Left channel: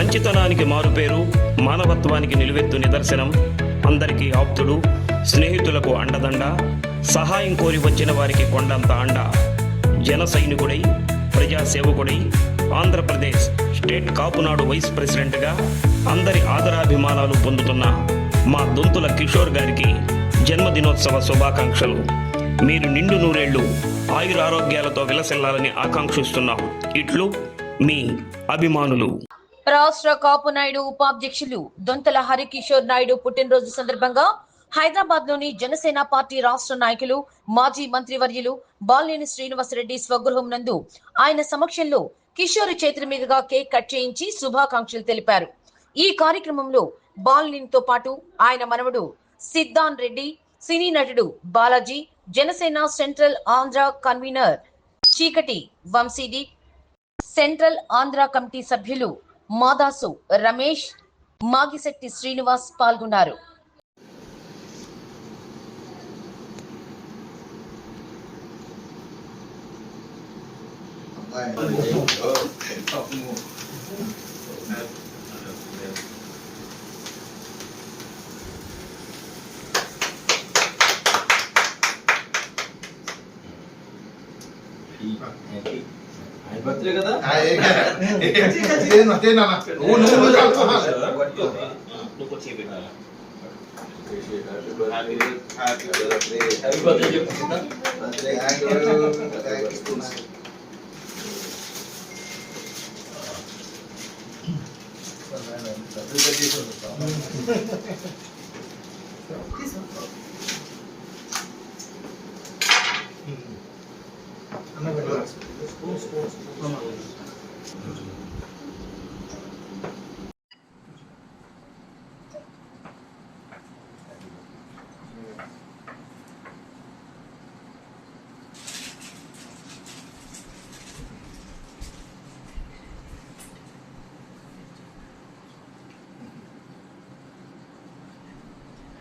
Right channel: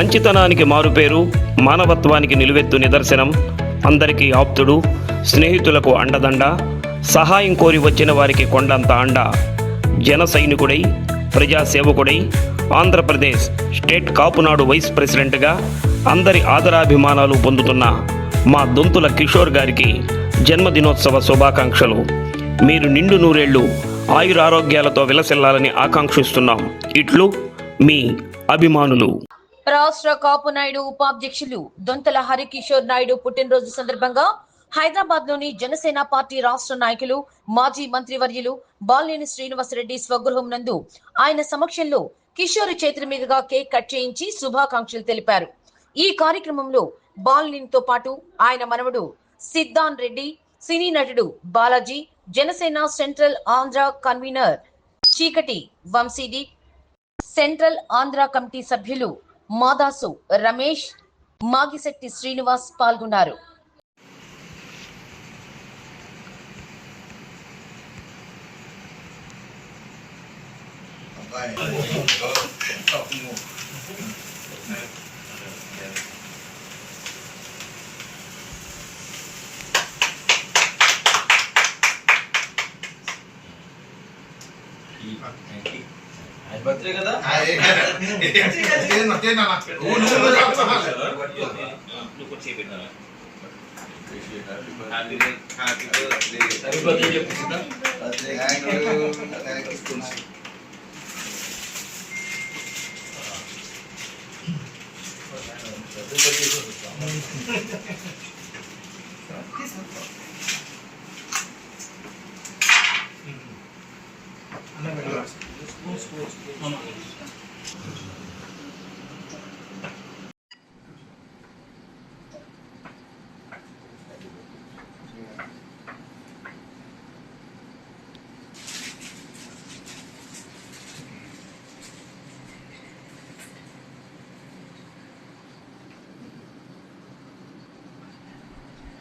మంచితనానికి మారుపేరు మానవత్వానికి నిలువెత్తు నిదర్శనం అందరికీ ఆప్తుడు స్నేహితులకు అండదండ సహాయం కోరి వచ్చిన వారికి కొండంత అండ జన సైనికుడై ప్రజాసేవకుడై ఆంధ్రప్రదేశ్ స్టేట్ కాపునాడు వైస్ ప్రెసిడెంట్గా అందరి ఆదరాభిమానాలు పొందుతున్న మా దొంతుల కిషోర్ గారికి జన్మదినోత్సవ శుభాకాంక్షలు. మీరు నిండు నూరేళ్ళు ఆయురారోగ్యాలతో విలసిల్లాలని ఆకాంక్షిస్తున్నాం. ఇట్లు మీ అభిమానులు. రాష్ట్ర కాపు నాయుడు ఉపాధ్యక్షులు దొంతల హరికిషోర్ నాయుడు పుట్టినరోజు సందర్భంగా హైదరాబాద్లోని జనసేన పార్టీ రాష్ట్ర నాయకులు మాజీ మంత్రివర్యులు బాలినేని శ్రీనివాసరెడ్డి స్వగృహం నందు ఆయన సమక్షంలో కిషోర్ చేతుల మీదుగా కేక్ కట్ చేయించి శుభాకాంక్షలు తెలిపారు. ఈ కార్యక్రమంలో బాలినేనితో పాటు ఆయన మనవడు సిద్ధాన్ రెడ్డి సినీ నటుడు బాలాజీ జనసేన సెంట్రల్ ఆంధ్ర కన్వీనర్ చీకటి వంశీది సెంట్రల్ ఆంధ్ర కమిటీ సభ్యులు మాదాసు రమేష్ మాగిశెట్టి శ్రీనివాస్ పాల్గొన్నారు. ಬರ್ತ್ರಿ ಕದಾ ಏನು ಅದೇನ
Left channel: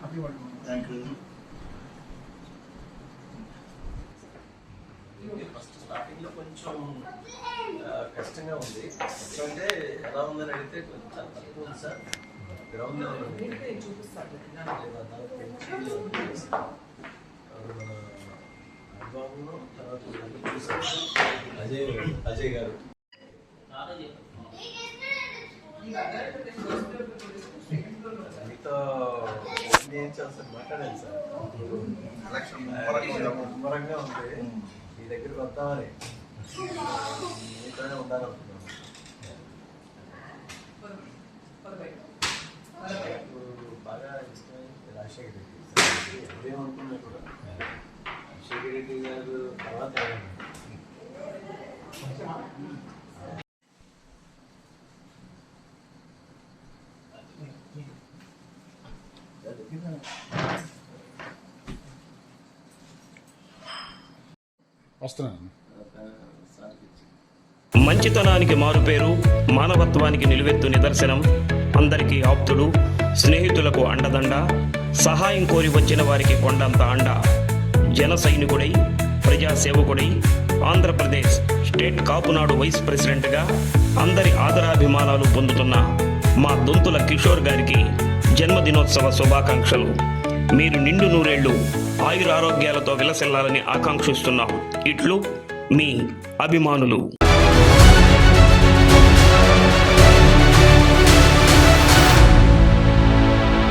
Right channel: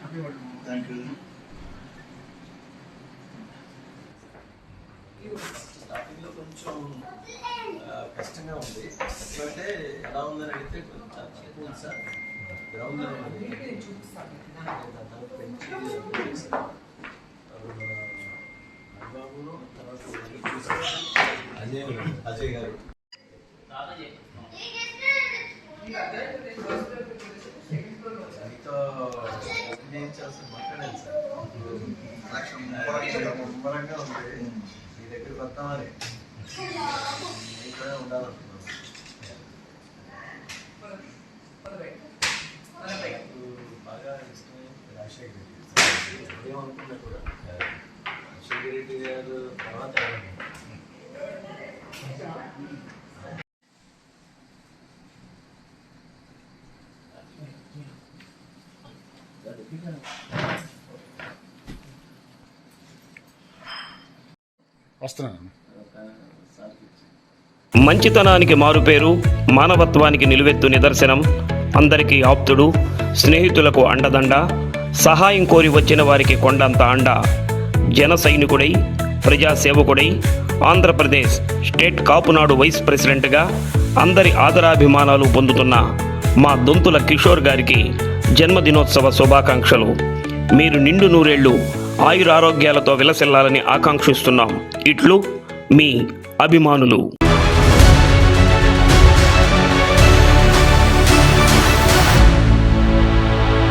థ్యాంక్ యూ స్టార్టింగ్లో కొంచెం కష్టంగా ఉంది. ఎందుకంటే ఎలా ఉందని అడిగితే కొంచెం తక్కువ ఉంది సార్ గ్రౌండ్ అనుభవంలో తర్వాత. అజయ్ అజయ్ గారు. మీతో చేయించాల్సిన మాట్లాడాను సార్. ముమ్మరంగా ఉంది. మీ దగ్గరికి వద్దామని. మీతోనే ఉండాలనుకున్నాను నాకు బాగా ఇష్టమైన రాజశేఖర రెడ్డి సార్. ఏమనుకున్నా కూడా రాజశేఖర రెడ్డి గారు తర్వాత వస్తున్నాను. మంచితనానికి మారుపేరు మానవత్వానికి నిలువెత్తు నిదర్శనం అందరికీ ఆప్తుడు స్నేహితులకు అండదండ సహాయం కోరి వచ్చిన వారికి కొండంత అండ జన సైనికుడై ప్రజాసేవకుడై ఆంధ్రప్రదేశ్ స్టేట్ కాపునాడు వైస్ ప్రెసిడెంట్గా అందరి ఆదరాభిమానాలు పొందుతున్న మా దొంతుల కిషోర్ గారికి జన్మదినోత్సవ శుభాకాంక్షలు. మీరు నిండు నూరేళ్ళు ఆయురారోగ్యాలతో విలసిల్లాలని ఆకాంక్షిస్తున్నాం. ఇట్లు మీ అభిమానులు.